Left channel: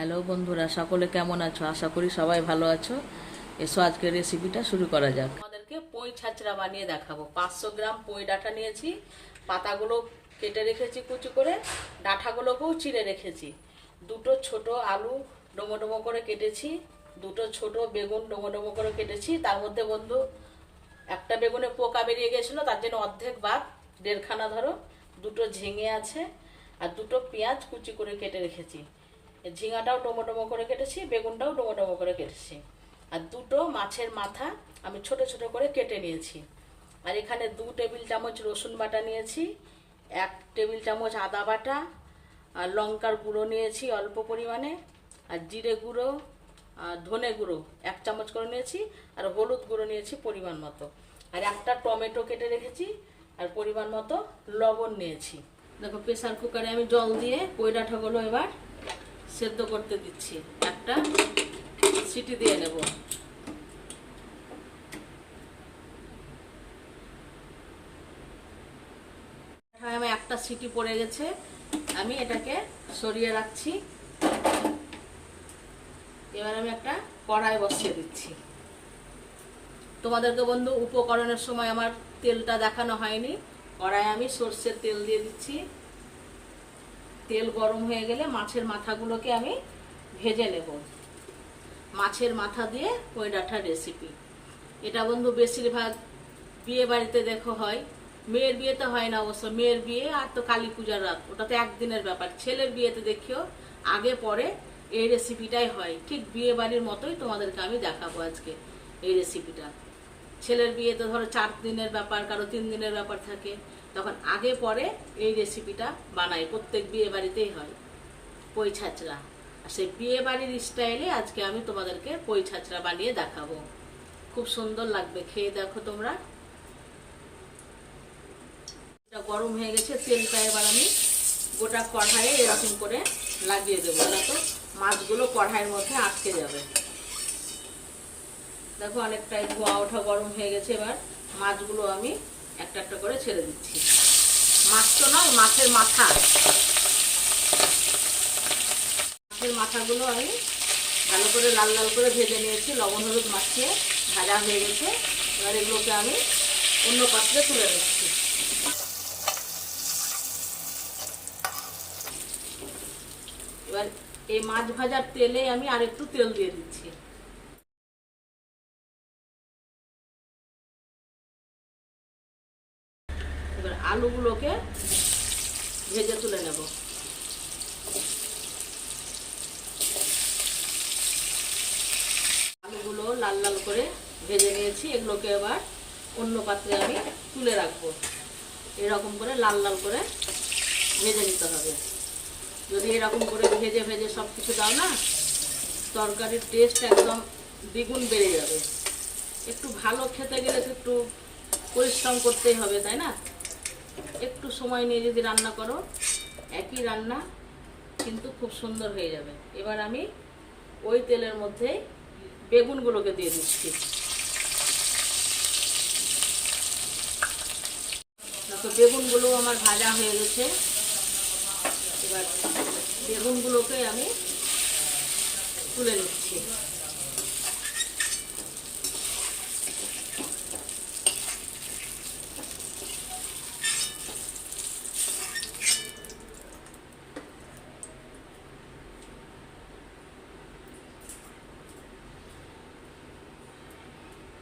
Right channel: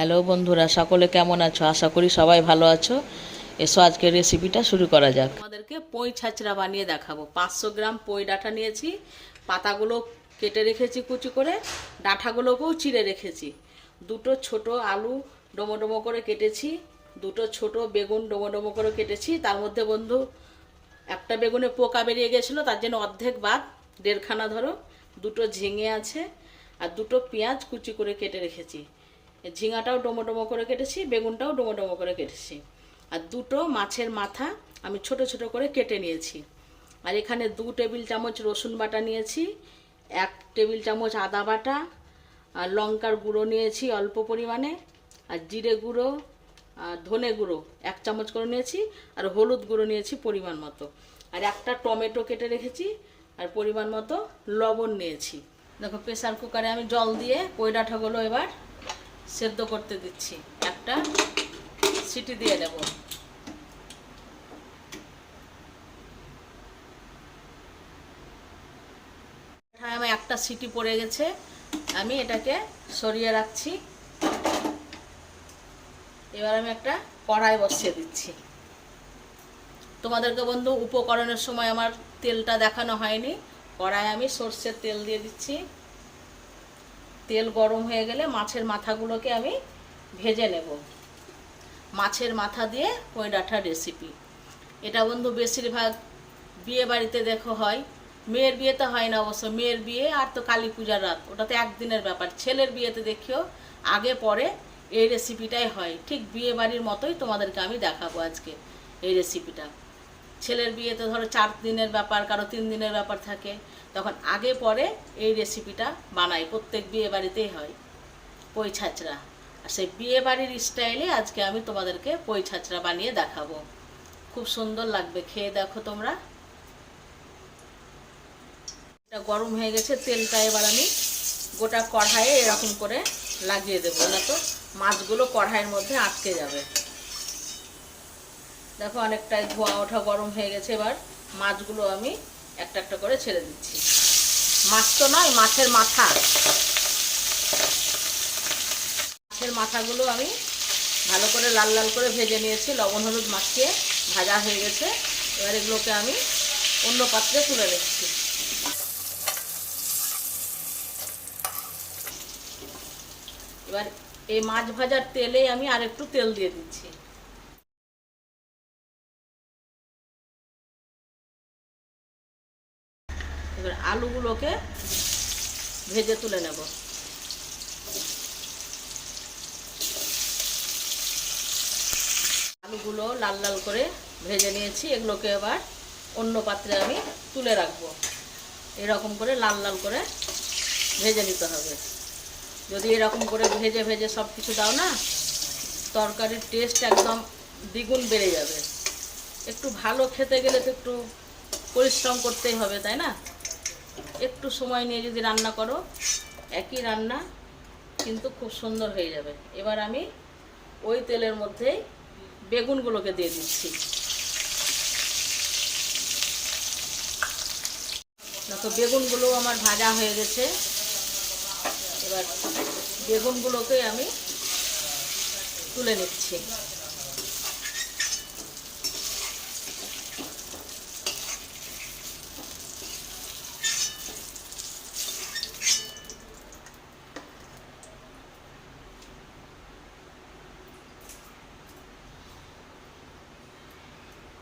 Hello বন্ধুরা, সকলে কেমন আছো? আশা করি সবাই ভালো আছো। এসো, আজকের রেসিপিটা শুরু করা যাক। আমাদেরকে পই ছাচড়া বানিয়ে দেখাবো। পাঁচশো গ্রাম পই ডাঁটা নিয়েছি, পাতাগুলো কেটে রেখেছি কুচি করে, ডাঁটাগুলোকেও চিড়ে রেখেছি। দুটো ছোট আলু ডোমো ডোমো করে কেটেছি, দুটো ছোট বেগুন ডোমো ডোমো করে কেটেছি। তার মধ্যে বন্ধু, একটা বেগুনে পোকা বেরিয়ে গেছিল, তার জন্য অর্ধেক বাদ, দেড়খানা ধরো। দুটো ঝিঙে আছে, আর দুটো পেঁয়াজ কুচি করে কেটে রেখেছি। ঝিঙাটাও ডোমো ডোমো করে কেটেছি, বেগুনটাও ডোমো ডোমো করে কেটেছি। আর দুটো মাছের মাথা আমি ছোট ছোট করে কেটে নিয়েছি। আর এখানে দু টেবিল চামচ রসুন বাটা নিয়েছি, এক টেবিল চামচ আদা বাটা, আর লঙ্কার গুঁড়ো নিয়েছি অল্প পরিমাণে, আর জিরে গুঁড়ো, আর ধনে গুঁড়ো এক চামচ করে নিয়েছি, আর হলুদ গুঁড়ো নিয়েছি পরিমাণ মতো। আর একটা টমেটো কেটে রেখেছি, আর পরিমাণ মতো লবণ নিয়েছি। দেখো প্রেসার কুকারে আমি জল দিয়ে ডাঁটাগুলো এবার সেদ্ধ করতে দিচ্ছি। একটা সিটি দিয়ে নেব একটা সিটি পড়ে গেছে। আমি এটাকে সরিয়ে রাখছি। এবার আমি একটা কড়াই বসিয়ে দিচ্ছি। তোমাদেরকে বন্ধু, উপকরণের সময় আমার তেলটা দেখানো হয়নি। কড়াই আমি সর্ষের তেল দিয়ে দিচ্ছি। তেল গরম হয়ে গেলে মাছের মাথাগুলোকে আমি ভেজে নেব। মাছের মাথা দিয়ে ওই ডাঁটার রেসিপি এটা বন্ধু বেশিরভাগ বিয়ে বাড়িতে দেখো হয়। মেয়ের বিয়েতে হয় না অবশ্য, মেয়ের বিয়ে আর তো কালী পূজার রাত। ওটা তো একদিনের ব্যাপার। ছেলের বিয়েতে দেখিও, আগে পরে এই রেসিপিটাই হয়। ঠিক বিয়ে বাড়ির মতোই তোমাদেরকে আমি দেখাবো আজকে এই রেসিপিটা ছেলের বিয়েতে ধরো চার দিনের ব্যাপার, কারও তিন দিনের ব্যাপার থাকে। তখন আগে পরে এই রেসিপিটা বানাই। প্রত্যেক বিয়ে বাড়িতেই হয়। পই ছাচড়া। আর সেই বিয়ে বাড়ির স্টাইলে আজকে আমি তোমাদেরকে পই ছাচড়া বানিয়ে দেখাবো। খুব সুন্দর লাগবে। খেয়ে দেখো তোমরা। এটা গরম হয়ে গেছে, তেলটা এবার আমি গোটা কড়াইয়ে এরকম করে লাগিয়ে দেবো। তো মাছগুলো কড়াইয়ের মধ্যে আটকে যাবে। দেখো অনেকটাই ধোয়া ওঠা গরম হয়ে গেছে এবার। মাছগুলো আমি একটা একটা করে ছেড়ে দিচ্ছি। মাছ তো নয়, মাছের মাথা। মাছের মাথাগুলো আমি ভালো করে লাল লাল করে ভেজে নিয়েছি, লবণ, হলুদ মাখিয়ে ভাজা হয়ে গেছে। এবার এগুলোকে আমি অন্য পাত্রে তুলে নিচ্ছি। এবার এই মাছ ভাজার তেলে আমি আরেকটু তেল দিয়ে দিচ্ছি। আলুগুলোকে ভেজে তুলে নেব। আলুগুলো লাল লাল করে ভেজে নিয়েছি। এগুলোকে এবার অন্য পাত্রে আমি তুলে রাখব। এরকম করে লাল লাল করে ভেজে নিতে হবে। যদি এরকম করে ভেজে ভেজে সব কিছু দাও না, তরকারির টেস্ট একদম দ্বিগুণ বেড়ে যাবে। একটু ভালো খেতে গেলে তো একটু পরিশ্রম করতেই হবে, তাই না? একটু সময় নিয়ে যদি রান্না করো, একই রান্না কিন্তু খুব সুন্দর হয়ে যাবে। এবার আমি ওই তেলের মধ্যেই বেগুনগুলোকে দিয়ে দিচ্ছি। দেখো, বেগুনগুলো আমার ভাজা হয়ে গেছে। এবার বেগুনগুলোকে আমি তুলে নিচ্ছি।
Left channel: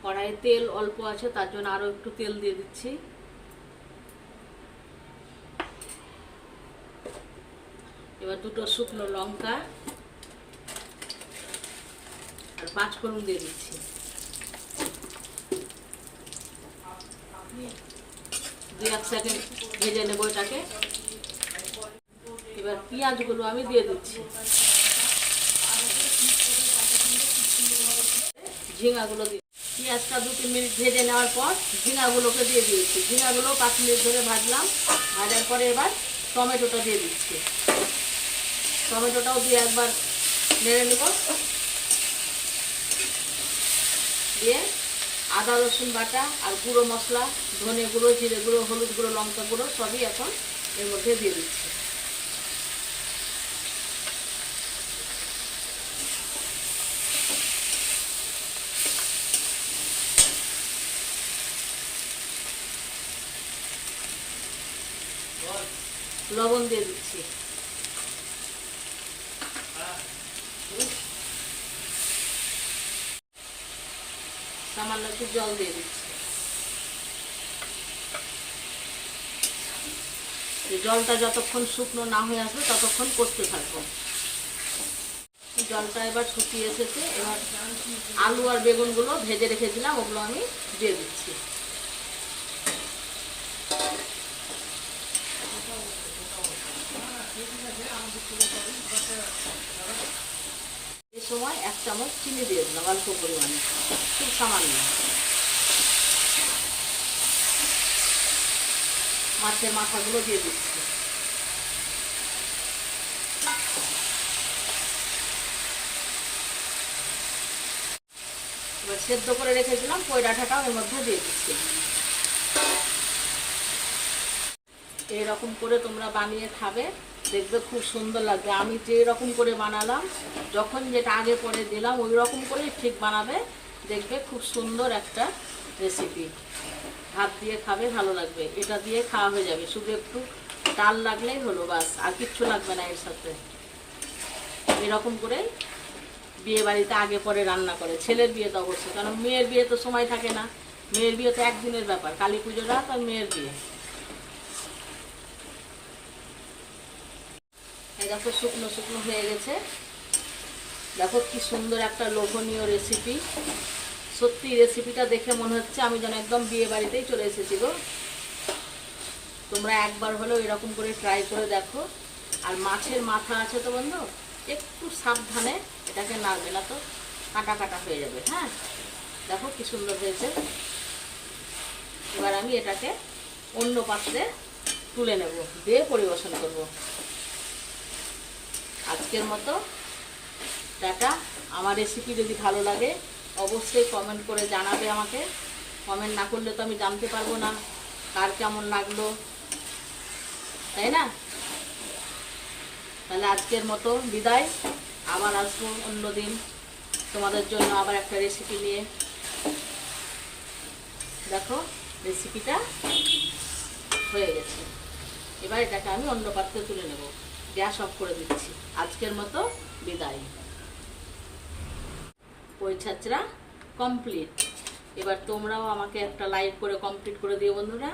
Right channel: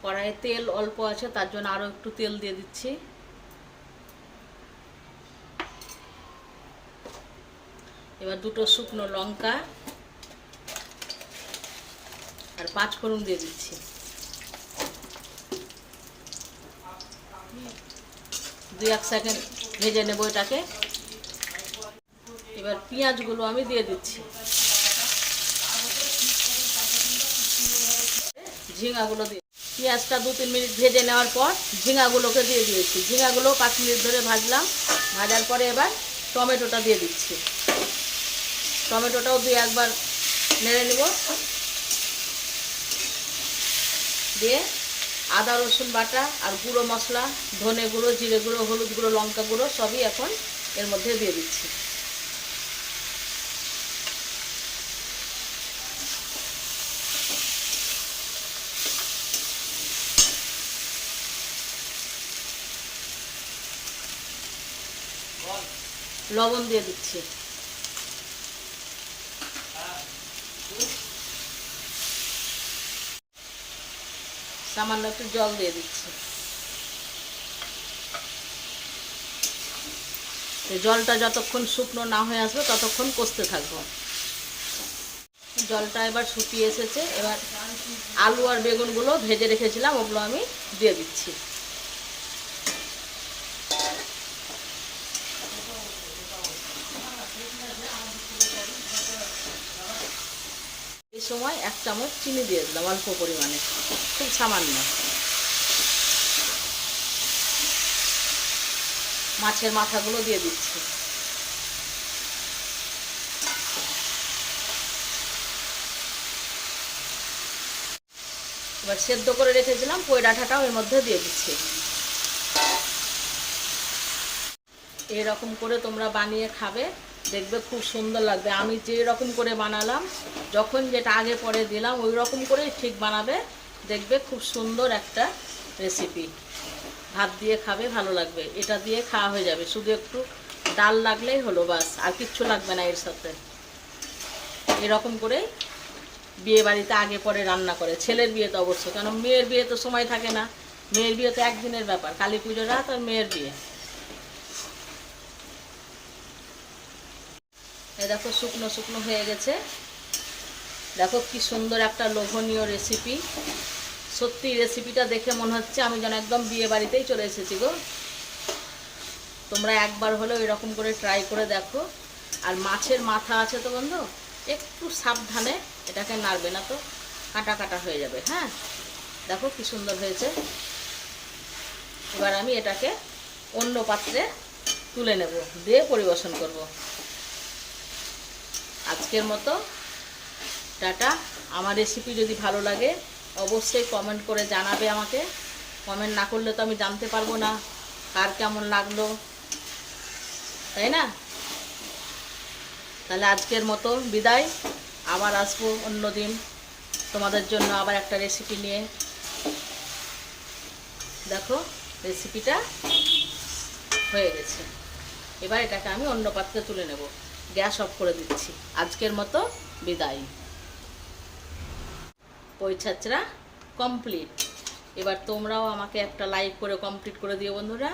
কড়াইয়ে তেল অল্প আছে, তার জন্য আরও একটু তেল দিয়ে দিচ্ছি। এবার দুটো শুকনো লঙ্কা আর পাঁচ ফোড়ন দিয়ে দিচ্ছি। দুই এক সেকেন্ড ভেজে নেব এটাকে। এবার পেঁয়াজগুলো আমি দিয়ে দিচ্ছি। ঝিঙাগুলো দিয়ে পেঁয়াজটা দু তিন মিনিট ভেজে নেওয়ার পর ঝিঙাগুলোকে দিয়ে দিয়েছি। ঝিঙাগুলো পাঁচ মিনিট ধরে ভাজলাম, ভাজার পরে এবার টমেটোটা দিয়ে দিচ্ছি। টমেটোটাও দিয়ে একবার নেড়ে নেব। দিয়ে আদা, রসুন বাটা আর গুঁড়ো মশলা, ধনে গুঁড়ো, জিরে গুঁড়ো, হলুদ গুঁড়ো, লঙ্কা গুঁড়ো সবই এখন এর মধ্যে দিয়ে দিচ্ছি। লবণ দিয়ে দিচ্ছি। সামান্য একটু জল দিয়ে দিচ্ছি। জলটা যতক্ষণ শুকনো না হয়ে আসবে, ততক্ষণ কষতে থাকব। জলটা এবার শুকিয়ে এসেছে। এবার আলু আর বেগুনগুলো ভেজে রেখেছিলাম, ওগুলো আমি দিয়ে দিচ্ছি। এই সময় এক চামচ চিনি দিয়ে দিলাম, অল্প পরিমাণে। খুব সামান্য। মাছের মাথাগুলো দিয়ে দিচ্ছি। এবার সেদ্ধ করে রেখেছিলাম পই ডাঁটাটাও এর মধ্যে দিয়ে দিচ্ছি। এরকম করে তোমরা বানিয়ে খাবে। দেখবে খুব সুন্দর লাগবে। আমি যে রকম করে বানালাম, যখন যেটা আগে পরে দিলাম ওই রকম করেই ঠিক বানাবে। দেখবে খুব সুন্দর একটা রেসিপি ভাত দিয়ে খাবে, ভালো লাগবে। এটা দিয়ে খাওয়া হয়ে যাবে। শুধু একটু ডাল লাগলেই হলো বাস, আর কিচ্ছু লাগবে না এর সাথে। এরকম করে বিয়ে বাড়িতে আগে পরে রান্না করে। ছেলের বিয়ে তো অবশ্যই কারণ মেয়ের বিয়ে তো সময় থাকে না। মেয়ের বিয়ে তো একদিনের ব্যাপার। কালী পুজো রাত আর মেয়ের বিয়ে। দেখো শুকনো শুকনো হয়ে গেছে। দেখো কি সুন্দর একটা লোভনীয় রেসিপি সত্যি রেসিপিটা দেখে মনে হচ্ছে আমি যেন একদম বিয়ে বাড়িতেই চলে এসেছি গো। তোমরা একবার হলেও এরকম করে ট্রাই করে দেখো। আর মাছের মাথা আছে তো বন্ধু? একটু সাবধানে এটাকে নাড়বে না তো, কাটা কাটা হয়ে যাবে হ্যাঁ? দেখো কি সুন্দর হয়েছে। এবার আমি এটাকে অন্য পাত্রে তুলে নেব, দিয়ে পরিবেশন করব। আজকের মতো। টাটা। আমার রেসিপি যদি ভালো লাগে, অবশ্যই কমেন্ট করে জানাবে আমাকে। কমেন্ট না করলে তো আমি জানতে পারব না কার কেমন লাগল। তাই না? তাহলে আজকের মতো বিদায়। আবার আসব অন্যদিন তোমাদের জন্য আবার একটা রেসিপি নিয়ে। দেখো রেসিপিটা হয়ে গেছে। এবার এটাকে আমি অন্য পাত্রে তুলে নেব। গ্যাস অফ করে দিচ্ছি। আজকের মতো বিদায়। পই ছাত্রা কমপ্লিট এবার তোমরাও আমাকে একটা লাইক করে কমপ্লিট করে দিও বন্ধুরা।